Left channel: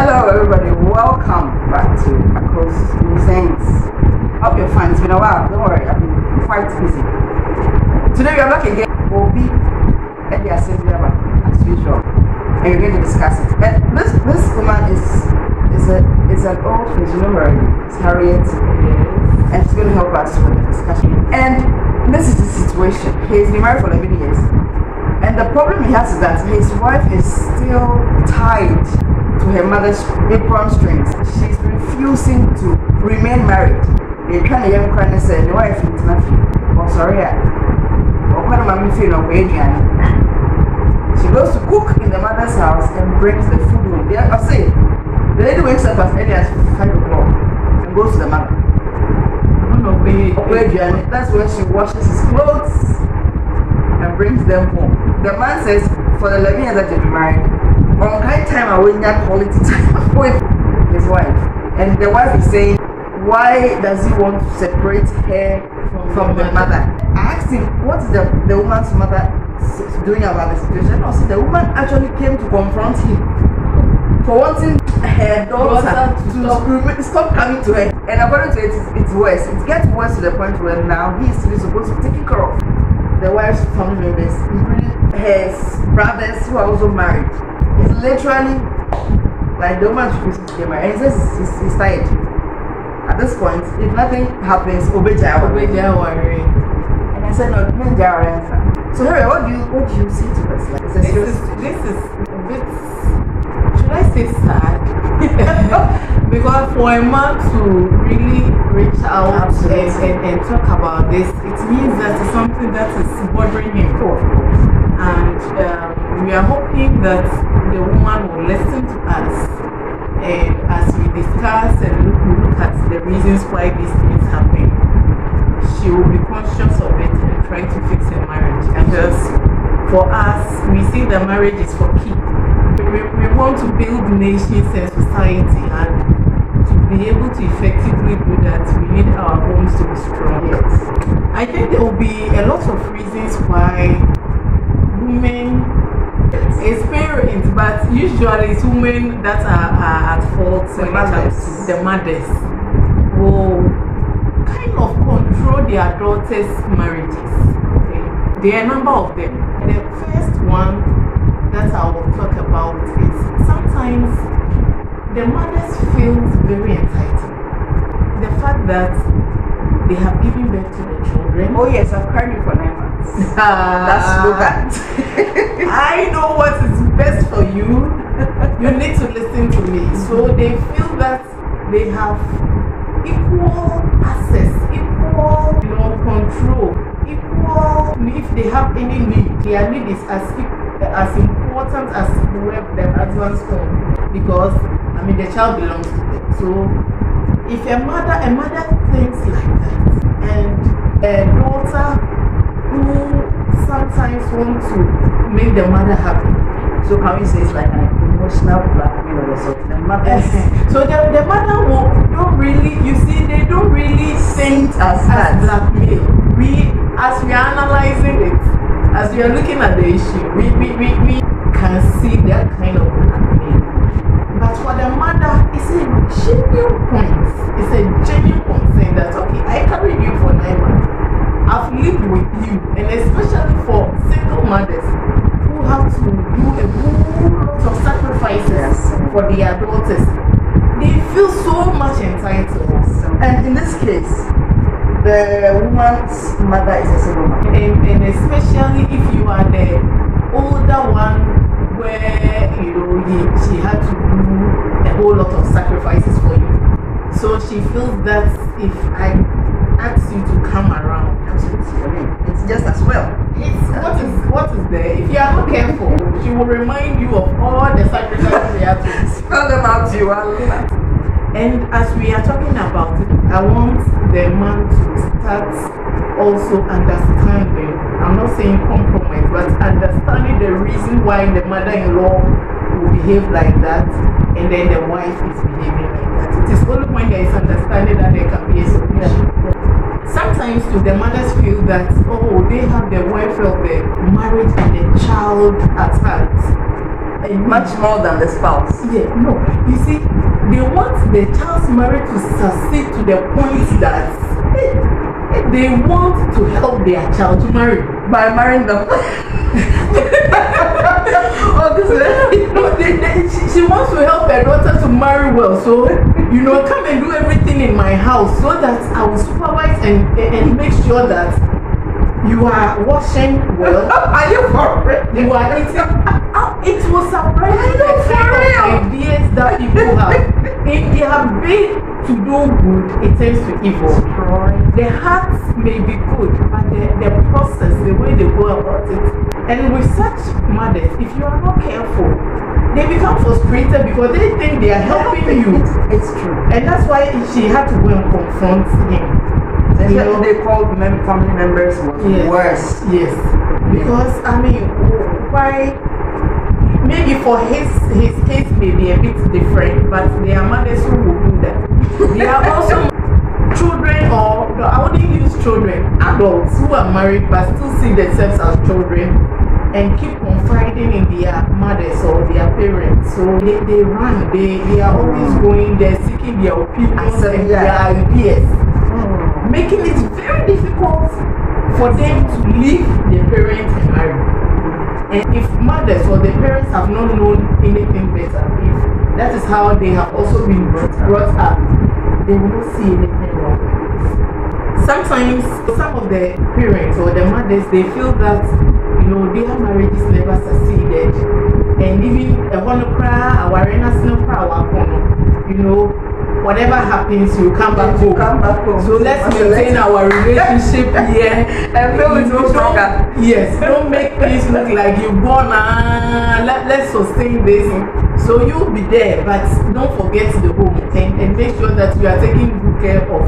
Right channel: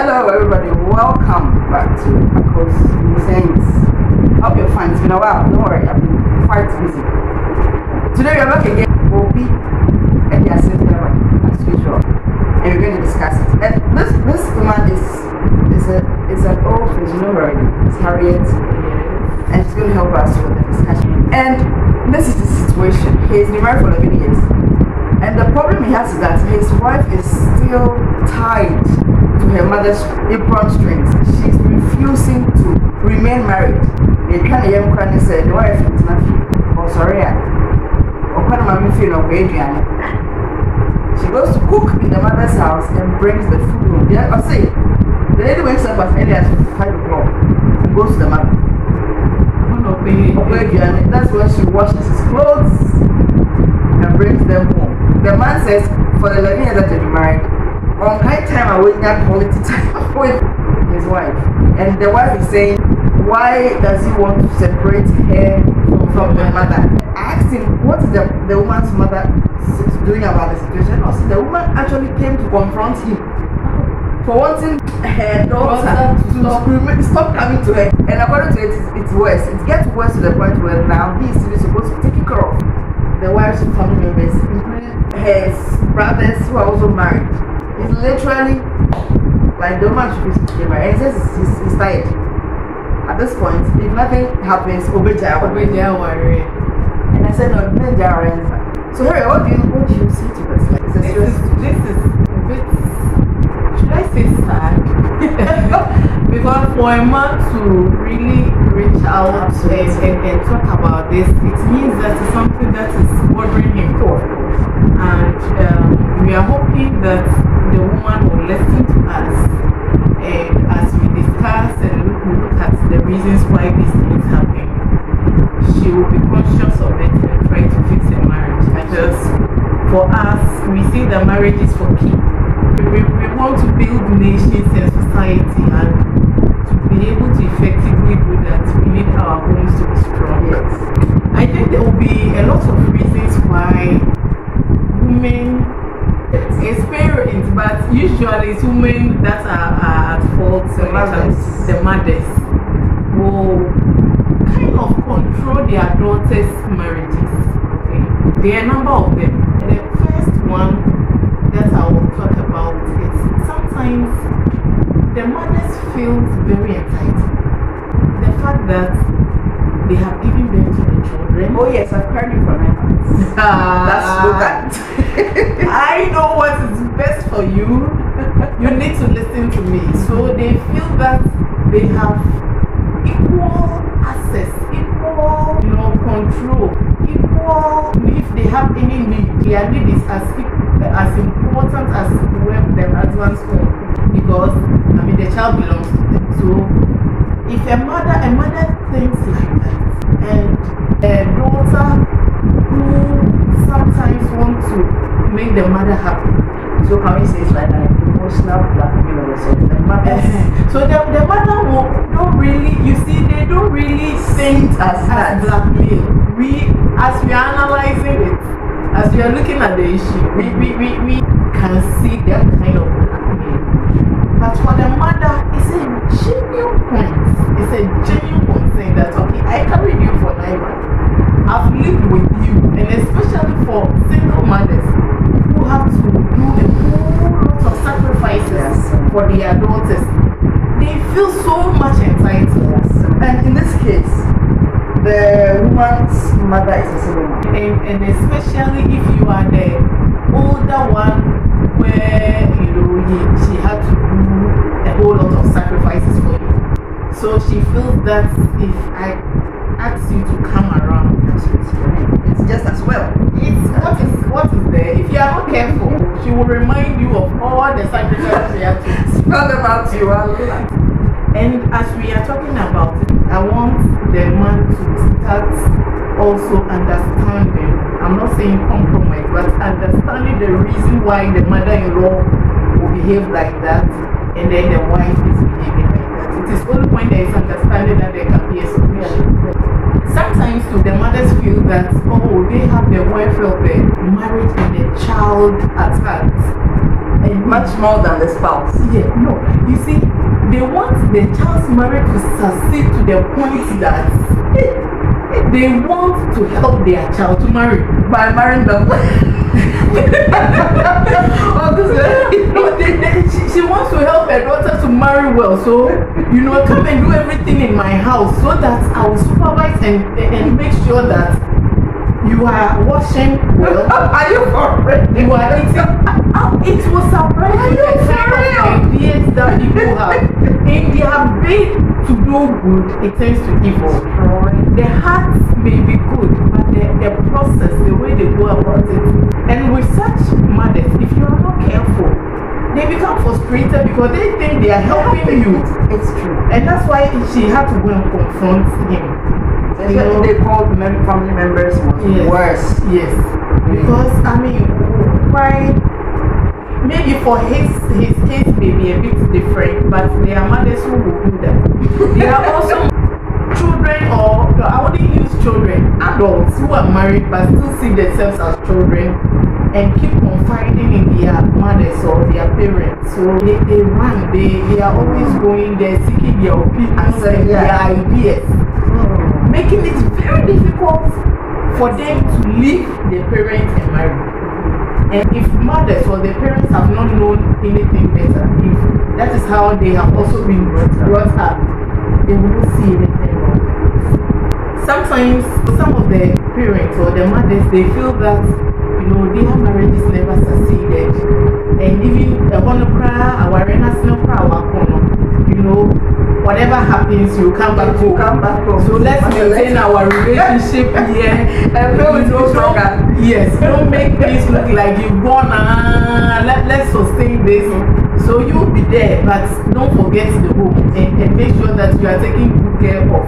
Hello everybody, welcome back to Akos Sense. Hope you're fine. It's been a while, don't worry, I've been quite busy. Today we are back again. We'll be at the assembly as usual, and we're going to discuss it. And this woman is an old friend, you know her already. It's Harriet, and she's going to help us with the discussion. And this is the situation. He's been married for 11 years. And the problem he has is that his wife is still tied to her mother's apron strings. She's refusing to remain married. They kind of young and say the wife is not. Oh, sorry. Or when I'm feeling of Adrian. She goes to cook in the mother's house and brings the food home. Yeah, I say the lady wakes up as early as 5 o'clock and goes to the mother. That's when she washes his clothes and brings them home. The man says for the 11 years that they've been married, on high time I will not quality time with his wife. And the wife is saying, why does he want to separate her from the mother? I asked him, what is the woman's mother doing about the situation? Also, the woman actually came to confront him for wanting her daughter to stop coming to her. And according to it, it's worse. It gets worse to the point where now he is supposed to take care of the wife's family members, including her brothers who are also married. It's literally like the woman should be married. And he says he's tired. At this point, if nothing happens, Obeja worry. And I said, no, men are. So Harry, what do you see to this? Like, this is a bit, should I say sad? Because for a man to really reach out and talk about this, it means that it's something that is bothering him. And we are hoping that the woman will listen to us, and as we discuss and look at the reasons why these things happen, she will be conscious of it and try to fix her marriage. And just for us, we see that marriage is for keep. We want to build nations and society, and to be able to effectively do that, we need our homes to be strong. Yes. I think there will be a lot of reasons why women experience, but usually it's women that are at fault. The mothers will kind of control their daughters' marriages. Okay? There are a number of them. The first one that I will talk about is sometimes the mothers feel very entitled. The fact that they have given birth to the children. Oh yes, I've cried for 9 months. That's so bad. I know what is best for you. You need to listen to me. So they feel that they have equal access, equal control, equal. If they have any need, their need is as important as the husband's own, because the child belongs to them. So if a mother thinks like that, and a daughter who sometimes wants to make the mother happy, so can we say it's like an emotional blackmail or something? The mother, so the mother don't really, you see, they don't really think as blackmail. As we are analyzing it, as we are looking at the issue, we can see that kind of blackmail. But for the mother, it's a genuine point. It's a genuine concern that, okay, I carried you for 9 months. I've lived with you. And especially for single mothers who have to do a whole lot of sacrifices for their daughters, they feel so much entitled. And in this case, the woman's mother is a single mother. And especially if you are the older one, where she had to do a whole lot of sacrifices for you. So she feels that if I ask you to come around, it's just as well. It's what is there. If you are not careful, she will remind you of all the sacrifices we have to spell about you. And as we are talking about it, I want the man to start also understanding, I'm not saying compromise, but understanding the reason why the mother-in-law will behave like that, and then the wife is behaving like that. It is only when there is understanding that there can be a solution. Sometimes the mothers feel that, oh, they have the welfare of the marriage and the child at heart. much more than the spouse. Yeah, no. You see, they want the child's marriage to succeed to the point that they want to help their child to marry By marrying them. She wants to help her daughter to marry well. So, come and do everything in my house so that I will supervise and make sure that you are washing well. Are you for real? You are eating. It was surprising the kind of ideas that people have. In their bid to do good, it tends to evil. The heart may be good, but the process, the way they go about it. And with such mothers, if you are not careful, they become frustrated because they think they are helping you. It's true. And that's why she had to go and confront him. They called family members worse. Yes. Because, why? Maybe for his case may be a bit different, but there are mothers who will do that. There are also children, or I wouldn't use children, adults who are married but still see themselves as children and keep confiding in their mothers or their parents. So they run, they are always going there seeking their opinions and their ideas, making it very difficult for them to leave their parents and marry. And if mothers or the parents have not known anything better, if that is how they have also been brought up, they will not see anything wrong. Sometimes some of the parents or the mothers, they feel that their marriages never succeeded, and even a whatever happens, you come back home. So let's maintain our relationship here. And don't make things look like you've gone. Let's sustain this. So you'll be there, but don't forget the home and make sure that you are taking good care of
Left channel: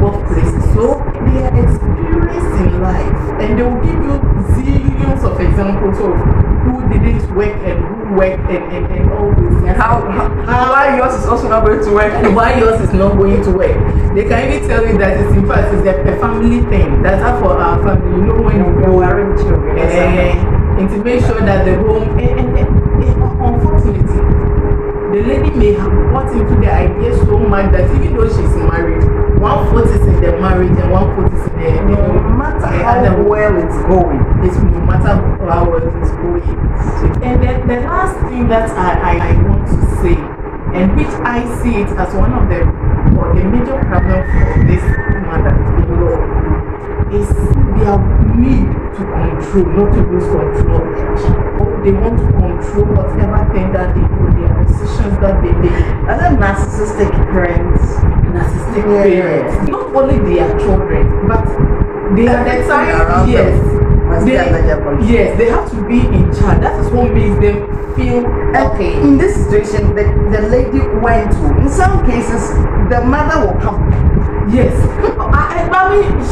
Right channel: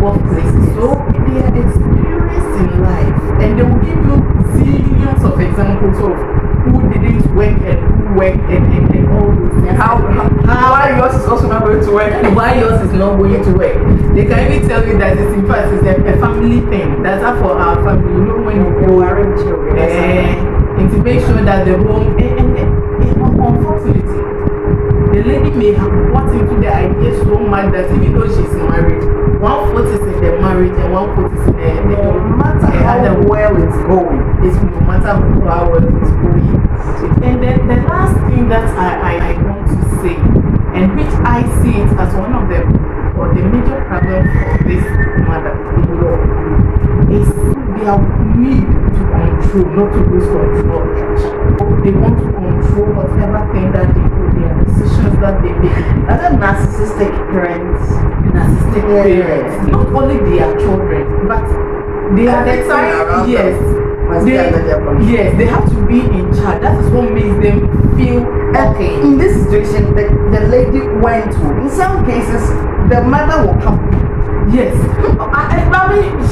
both places. So they are experienced in life, and they will give you zillions of examples of who didn't work and who worked and all those things. Why yours is also not going to work? Why yours is not going to work? They can even tell you that it's in fact it's a family thing. That's how for our family. When you go marrying children, and to make sure that the home and unfortunately, the lady may have bought into the idea so much that even though she's married, 1/4 is in the marriage and 1/4 is in the no matter how well it's going. It's no matter how well it's going. And then the last thing that I want to say, and which I see it as one of the major problems for this mother-in-law, is their need to control, not to lose control. They want to control whatever thing that they do, their decisions that they make. As a narcissistic parents. Parents. Not only their children, but they are the time. Yes, they have to be in charge. That is what makes them feel okay. In this situation, the lady went to, in some cases, the mother will come. Yes.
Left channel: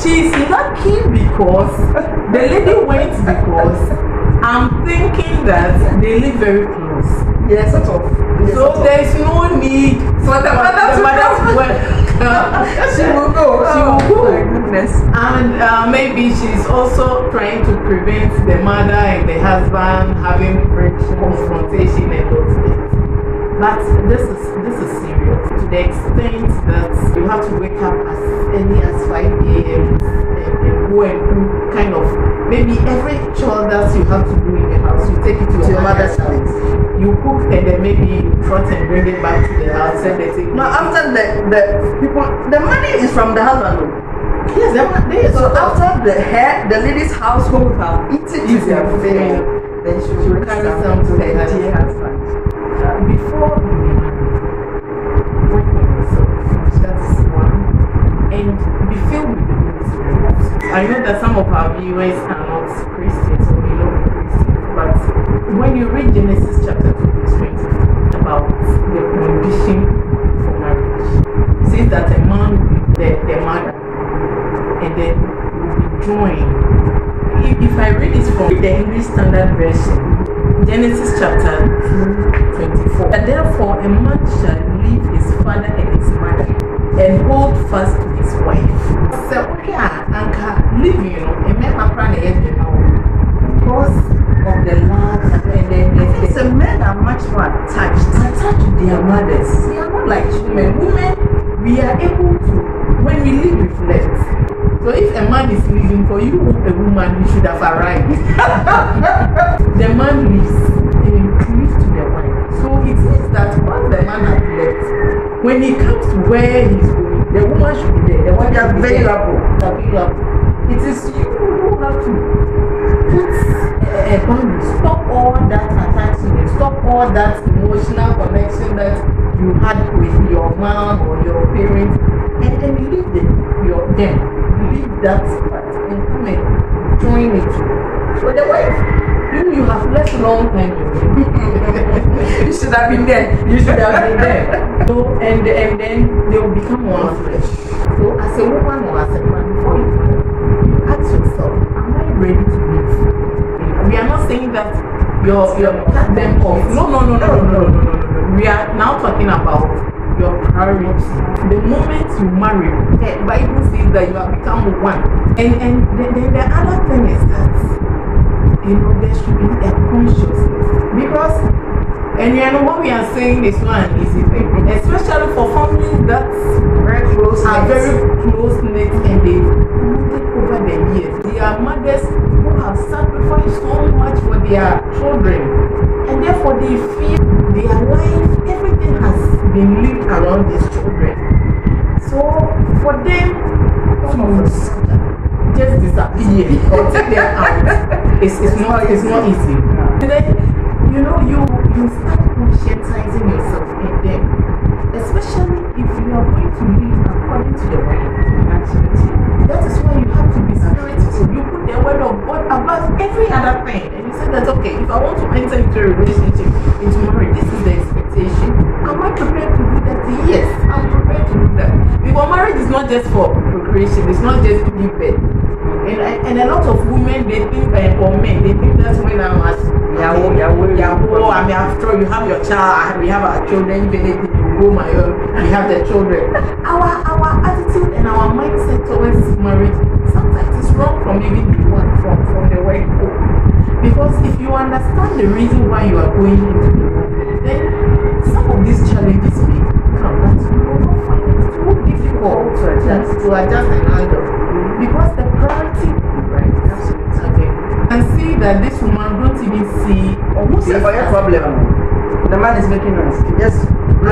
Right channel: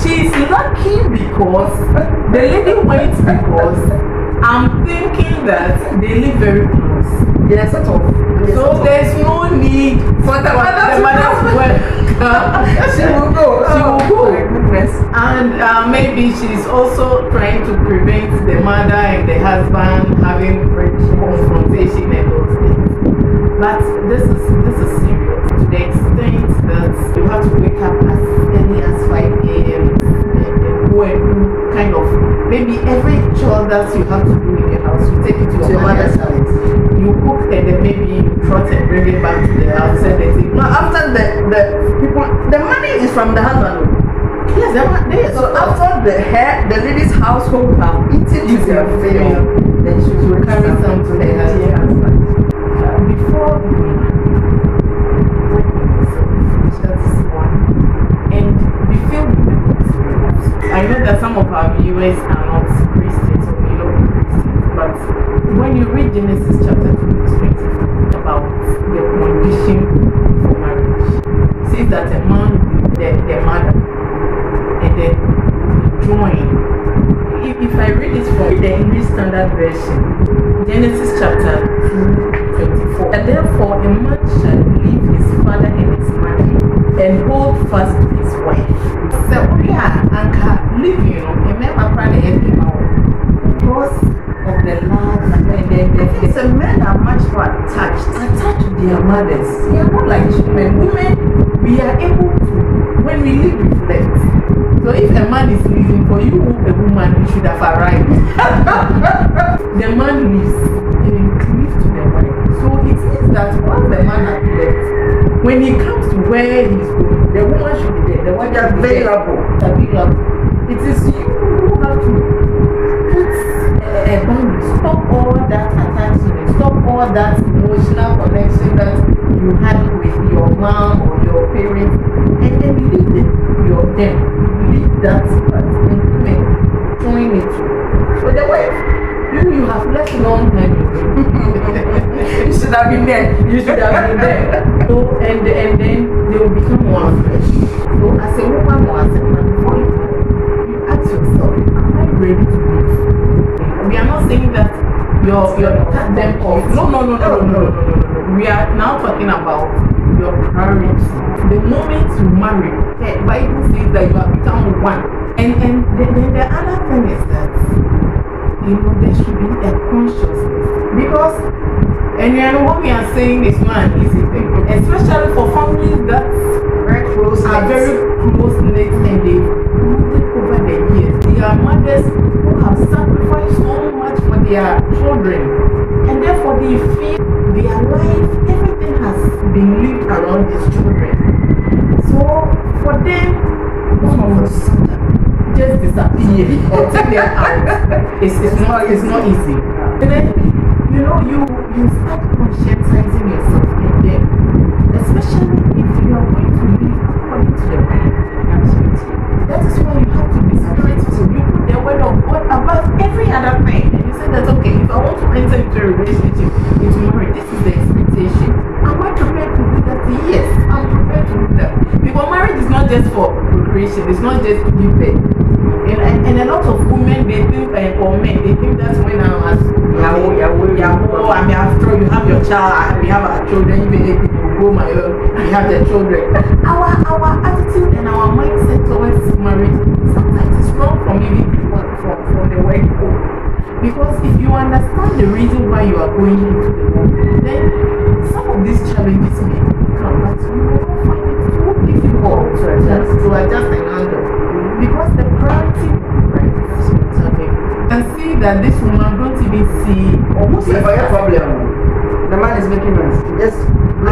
She's lucky because the lady went because I'm thinking that they live very close. Yes, sort of. So there's no need for the mother to work. She will go. Oh my goodness. And maybe she's also trying to prevent the mother and the husband having confrontation and those things. But this is serious to the extent that you have to wake up as early as 5 a.m. and go and do kind of, maybe every chore that you have to do in the house, you take it to your mother's house. You cook and then maybe you trot and bring it back to the house. Now after the money is from the husband. Yes, so after the lady's household have eaten to their fill, then she will carry some to her husband. Before working yourself, that's one. And we feel I know that some of our viewers are not Christians or they don't be Christians, but when you read Genesis chapter 2, verse 20 about the condition for marriage, it says that a man will be the mother and then we join. If I read it from the English Standard Version, Genesis chapter 2:24. And therefore a man shall leave his father and his mother and hold fast to his wife. So yeah, Anka living, a man because of the love and then say men are much more attached to their mothers. We are not like women. Women, we are able to, when we live, reflect. So if a man is leaving for you, a woman, you should have arrived. The man leaves and cleaves to the wife. So it means that once the man has left, when he comes to where he's going, the woman should be there. The wife should be available. It is you who have to put a boundary, stop all that attachment, stop all that emotional connection that you had with your mom or your parents, and then leave them. Leave that part and come and join it. But the wife, you have left long time ago. You should have been there. You should have been there. So, and then they will become one flesh. So, as a woman or as a man, before you ask yourself, am I ready to live? We are not saying that you're cut them off. No. We are now talking about your priority. The moment you marry, the Bible says that you have become one. And then the other thing is that, there should be a consciousness. Because, and what we are saying is not an easy thing, especially for families that Very close. are very close knit and they moved over the years. They are mothers who have sacrificed so much for their children, and therefore they feel their life, everything has been lived around these children. So for them, all of a sudden, just disappear or take them out. It's not easy. And then you start conscientizing yourself in them, especially if you are going to live according to the Bible. Absolutely. That is why you have to be spiritual. You put the word of God above every other thing. And you say that, okay, if I want to enter into a relationship, into marriage, this is the expectation. Am I prepared to do that? Yes, I'm prepared to do that. Because marriage is not just for procreation, it's not just to give birth. And a lot of women, they think, or men, they think that's when I'm as I mean, after you have your child, we have our children, even if you go my own, we have the children. Our attitude and our mindset towards marriage sometimes is wrong from even from the word go. Because if you understand the reason why you are going into the home, then some of these challenges may come, but you will not find it too difficult to adjust and handle. Because the priority, right, okay, and see that this woman don't even see almost a problem. The man is making noise. Just on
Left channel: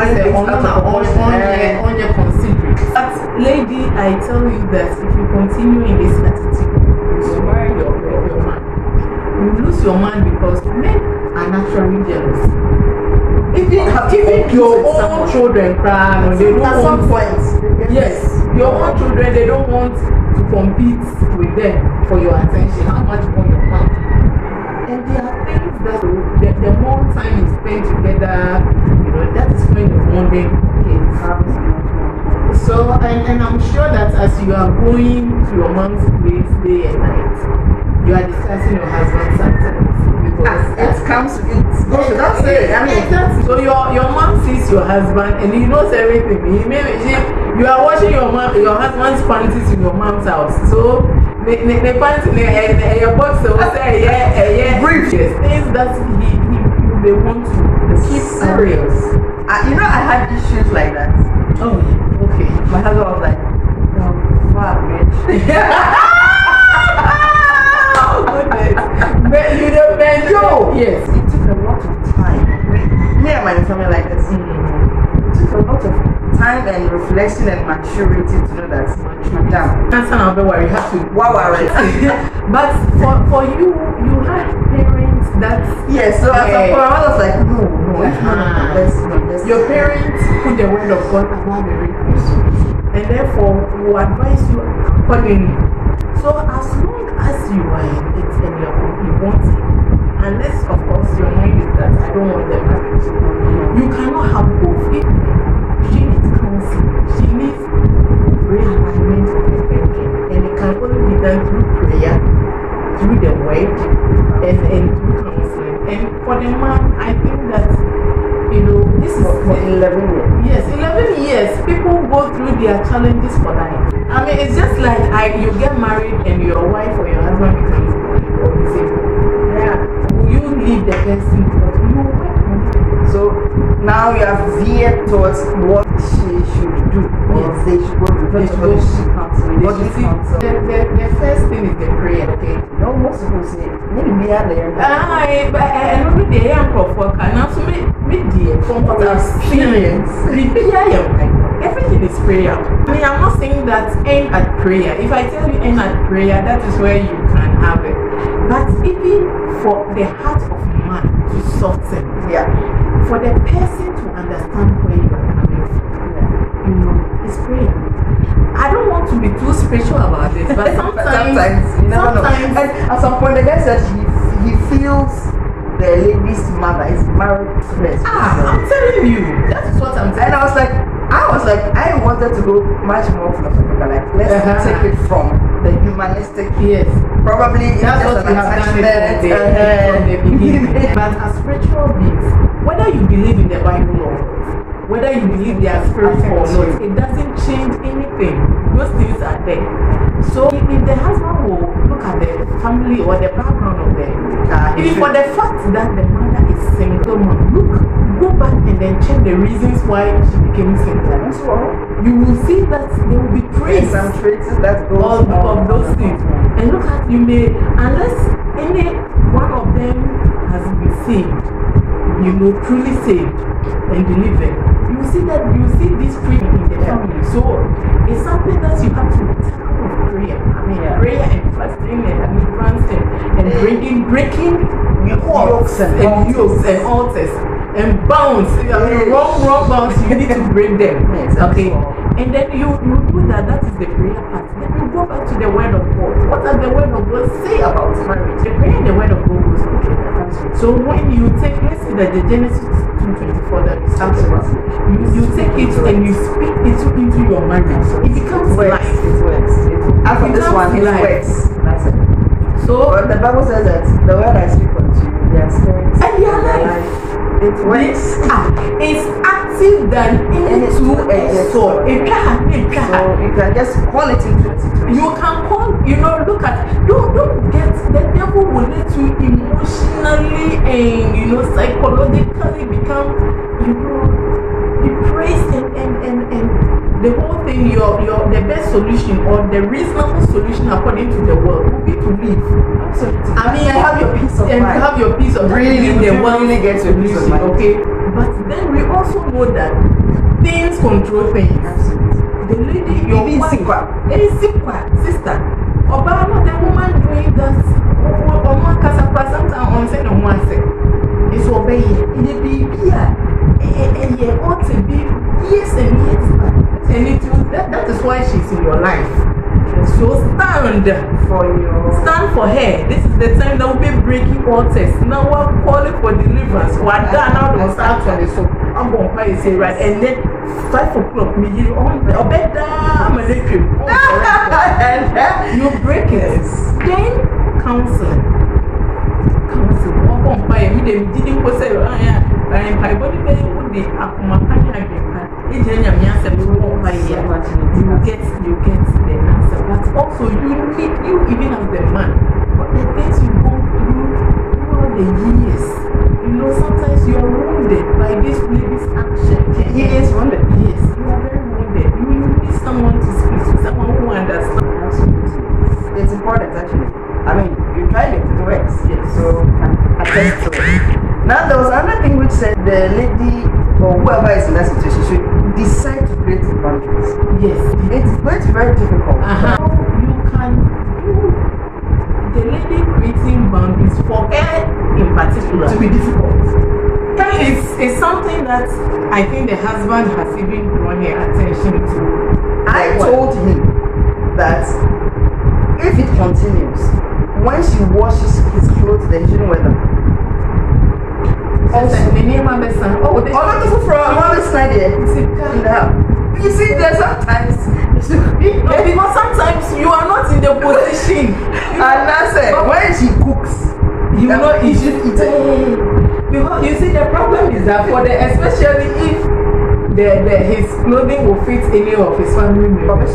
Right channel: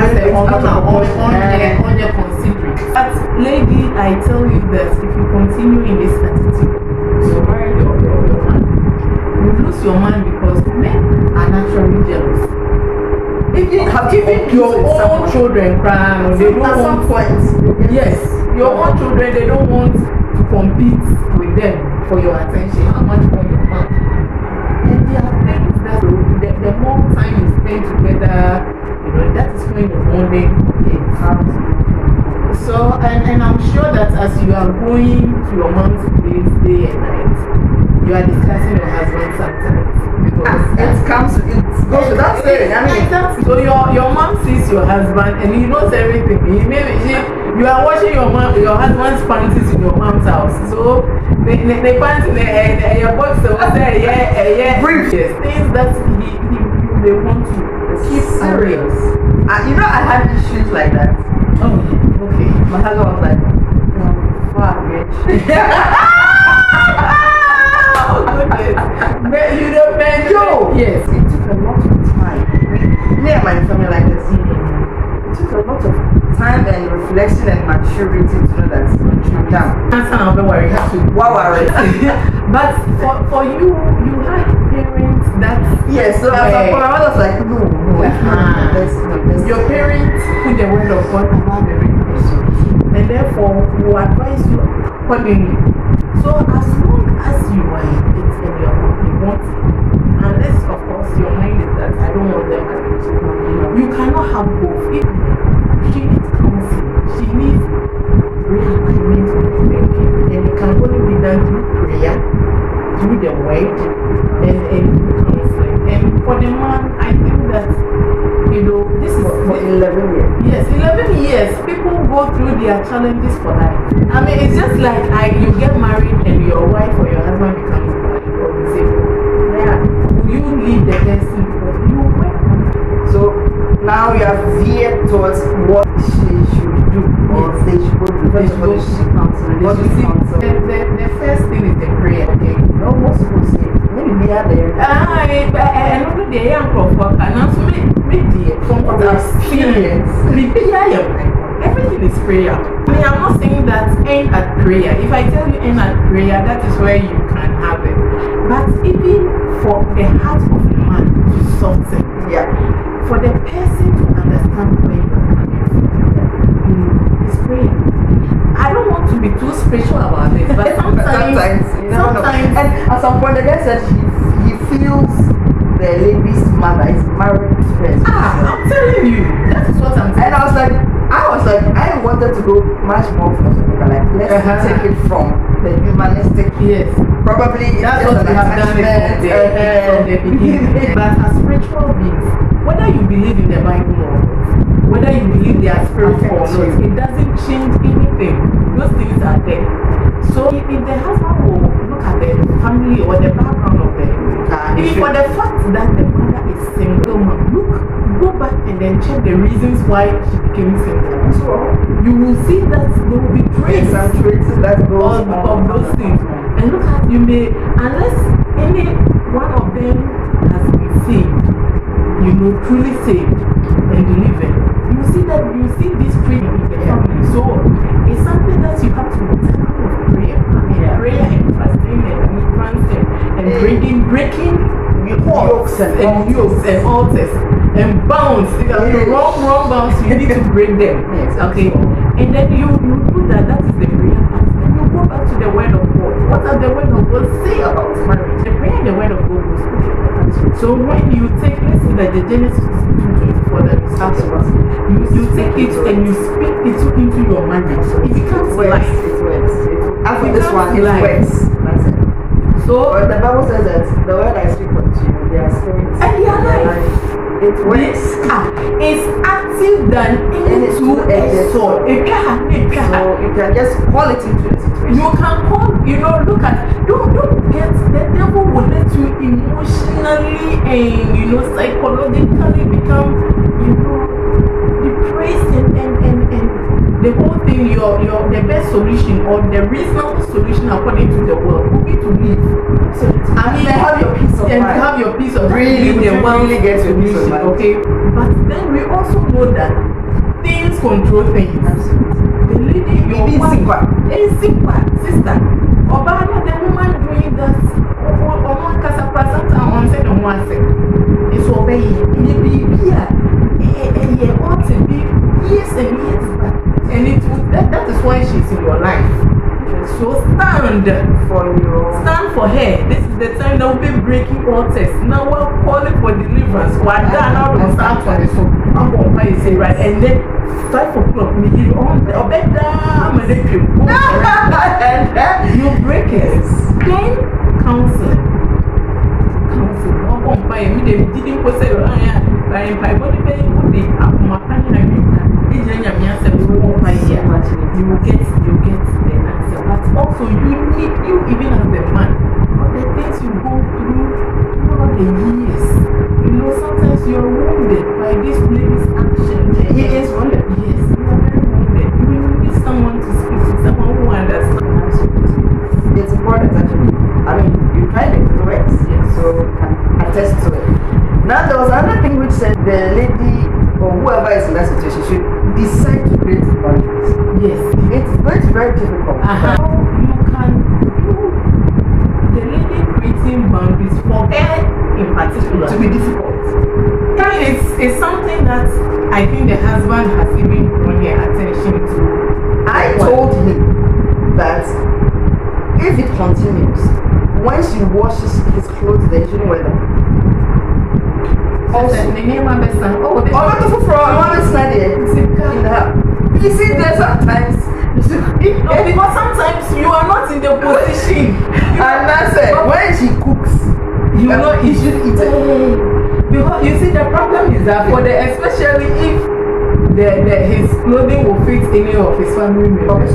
your considering. But lady, I tell you that if you continue in this attitude, you marry your man. You lose your man because men are naturally jealous. Even your own children cry when they don't want. At some point, yes, your own children, they don't want to compete with them for your attention. How much more your man? And there are things that the more time you spend together, that is when the bonding comes. So, and I'm sure that as you are going to your mom's place day and night, you are discussing your husband sometimes. Because it goes without saying. I mean, so your mom sees your husband and he knows everything. You are washing your husband's panties in your mom's house. So the pants in your box, brief. Yes, things that he may want to keep serious. I had issues like that. Oh, okay. My husband was like, fuck, bitch. Oh, goodness. But you don't know. Yes, it took a lot of time. Me and my family like this. It took a lot of time and reflection and maturity to know that I'm down. That's not where you have to. Wow, but for you had parents that. Yes, so as a I was like, no, it's not the best. Your parents put the word of God above everything. And therefore, will advise you accordingly. So as long as you are in it and you want it, unless of course your mind is that I don't want them marriage, you cannot have both. She needs counseling, she needs realignment of everything, and it can only be done through prayer, through the word, and through counseling. And for the man, I think that this is for 11 years. Yes, 11 years. People go through their challenges for life. I mean, it's just like you get married and your wife or your husband becomes disabled. Yeah. Will you leave the person? You geared towards what she should do or they should go to. First of all, they should counsel. But you see, the first thing is the prayer. Okay? No, most people say, maybe we are there. But I know the young prophet can also make dear from what I've Experience. Everything is prayer. I mean, I'm not saying that aim at prayer. If I tell you aim at prayer, that is where you can have it. But even for the heart of man to soften, for the person to understand where you are coming from, it's prayer. I don't want to be too spiritual about it, but sometimes you never know. And at some point, the guy said he feels the lady's mother is married to her. I'm telling you, that is what I'm telling you. And I was like, I wanted to go much more philosophical. Like, let's take it from the humanistic. Yes. Probably that's what we have done from the beginning. But as spiritual beings, whether you believe in the Bible or whether you believe they are spiritual or not, it doesn't change anything. Those things are there. So if the husband will look at the family or the background of the even for the fact that the mother is single mom, go back and then check the reasons why she became single. So you will see that there will be traces that goes of those things. And look at, you may, unless any one of them has been saved, truly saved and delivered, you see this tree in the family. So it's something that you have to take out of prayer. Prayer and fasting and breaking yokes and altars and bounds. Wrong bounds, you need to break them. Okay? And then you do that. That is the prayer part. Then you go back to the word of God. What does the word of God say about marriage? The prayer and the word of God goes together. So when you take, let's say that the Genesis 2:24 that we talked about, you take it and you speak it into your marriage. It becomes life. It works. After this one, it works. That's it. So but the Bible says that the word I speak unto you, they are spirits and they are life. It works. It's active than any two-edged sword. So you can just call it into the situation. You can call, look at, don't get, the devil will let you emotionally and, psychologically become, depressed and the whole thing, the best solution or the reasonable solution according to the world would be to leave. Absolutely. I mean, have your peace of mind. And have your peace of mind. Really get your peace of mind. Okay. But then we also know that things control things. Absolutely. The lady, your wife, sister, Obama, the woman doing that, sometimes on say no one say, it's obeying. It be here. And you ought to be years and years back. And that is why she's in your life. So stand for her. This is the time that we'll be breaking altars. Now we're calling for deliverance. We're done now to start for this. I'm going to say right. And then 5 o'clock, we give on the bed down and you break it. Then counseling. One bomb by me, they didn't go say, I am by what they would be up my country. You get the answer, but also you even as the man, but the things you go through all the years, sometimes you are wounded by this lady's action. He is wounded. Yes, you are very wounded. You need someone to speak to, someone who understands. It's important actually. I mean, you tried it, it works. Yes. So can attest to it. Now there was another thing which said the lady or whoever is in that situation should decide to create boundaries. Yes. It's going to be very difficult. The lady creating boundaries for her in particular to be difficult. It's something that I think the husband has even drawn her attention to. I told him that if it continues, when she washes his clothes, then she shouldn't wear them. Also, the name of the son. Oh, not the from one side here. You see, there's sometimes. Because sometimes you are not in the position. And that's it. When she cooks, you know, he should eat it. Because you see, the problem is that for especially if his clothing will fit any of his family members.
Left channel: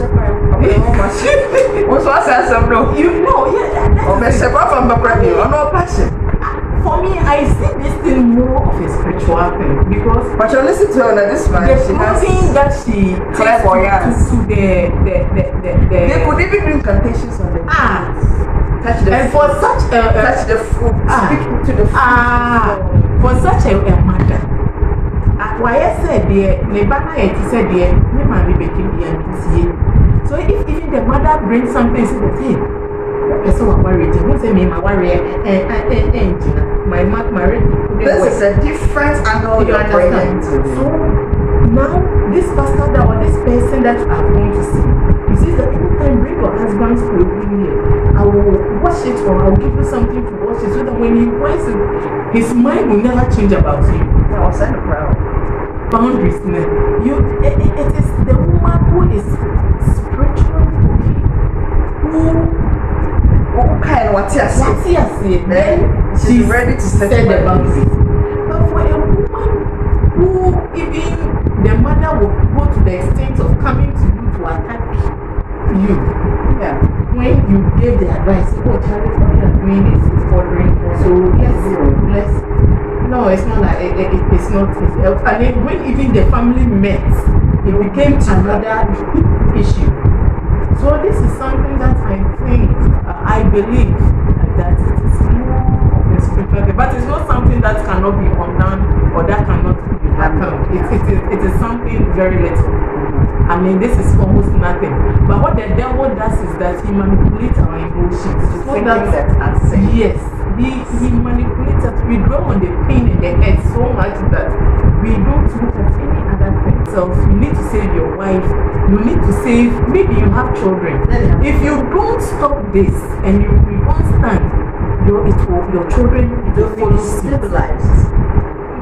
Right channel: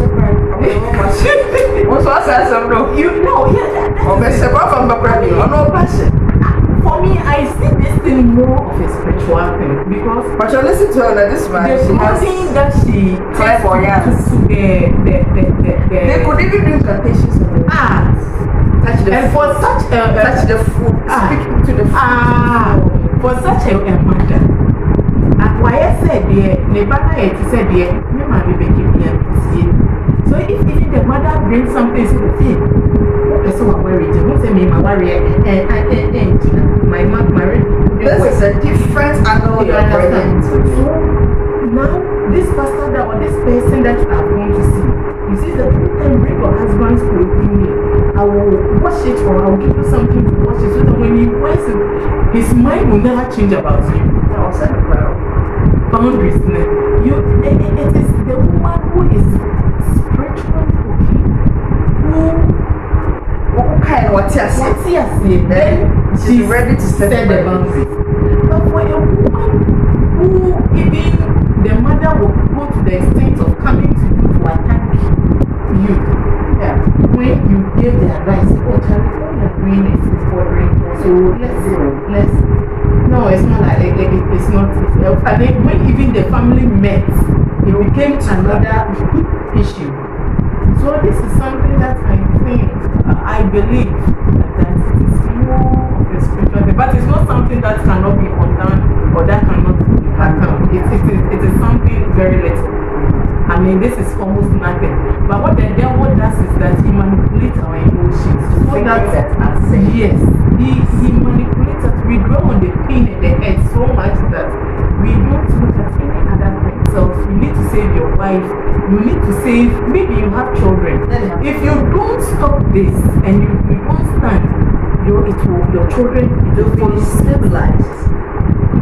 For me, I see this thing more of a spiritual thing because. But you listen to her, this man. The She has clothing that she time for takes to They could even do incantations on them. Touch the and food. for such Touch the food. Speak to the food. for such a mother. Why I said dear, never I said dear, me ma be dear. So if even the mother brings something, say that hey, so I'm worried. Who say me my worry my marriage. This is a different angle you're bringing to me. So now this pastor that or this person that I'm going to see, you see that anytime bring your husband's clothing here, I will wash it or I will give you something to wash it so that when he wears it, his mind will never change about you. I was saying proud. Boundaries. It is the woman who is spiritually okay, who kind of what's then she's ready to set the boundaries. But for a woman who even the mother will go to the extent of coming to you to attack you. Yeah. When you gave the advice, oh Charlie, what you're doing is bothering. So let's no, it's not like it's not. And then when even the family met, it became another issue. So this is something that I think, I believe that it is more of a spiritual thing. But it's not something that cannot be undone or that cannot happen. It is something very little. I mean, this is almost nothing. But what the devil does is that he manipulates our emotions. So that yes, he manipulates us. We dwell on the pain in the head so much that we don't look at any other thing. So you need to save your wife. You need to save, maybe you have children. If you don't stop this and you don't stand, your children will stabilize.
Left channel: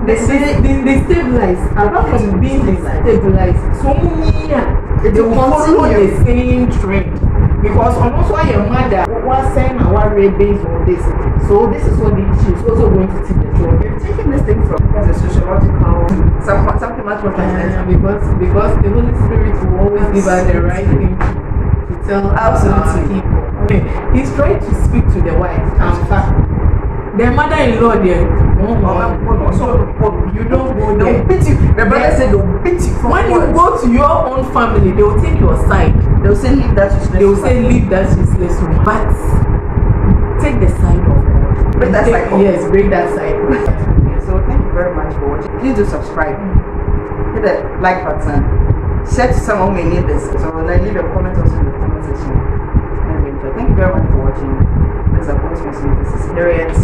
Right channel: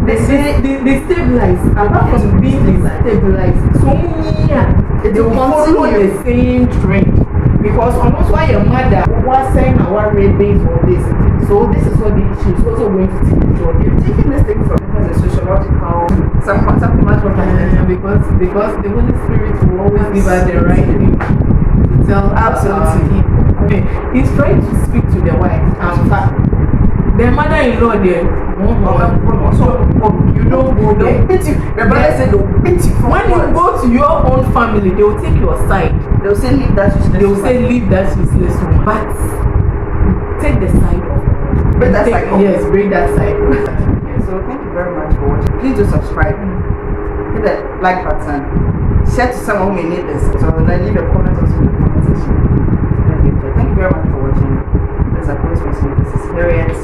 They stabilize. Apart from being stabilized, so they will follow the same trend. Because almost why your mother was saying our rape based on this. So this is what the issue is also going to take the job. You're taking this thing from the sociological something much more because the Holy Spirit will always give us the right thing to tell absolutely people. Okay. He's trying to speak to the wife. The mother-in-law there. You don't go there. The brother said they'll beat you. When you go to your own family, they will take your side. They'll say leave that useless. They will say leave that useless woman. But take the side of it. Break that side off. Yes, break that side. So thank you very much for watching. Please do subscribe. Hit the like button. Share to someone who may need this. So then leave a comment also in the comment section. Thank you very much for watching. This is This is Harriet.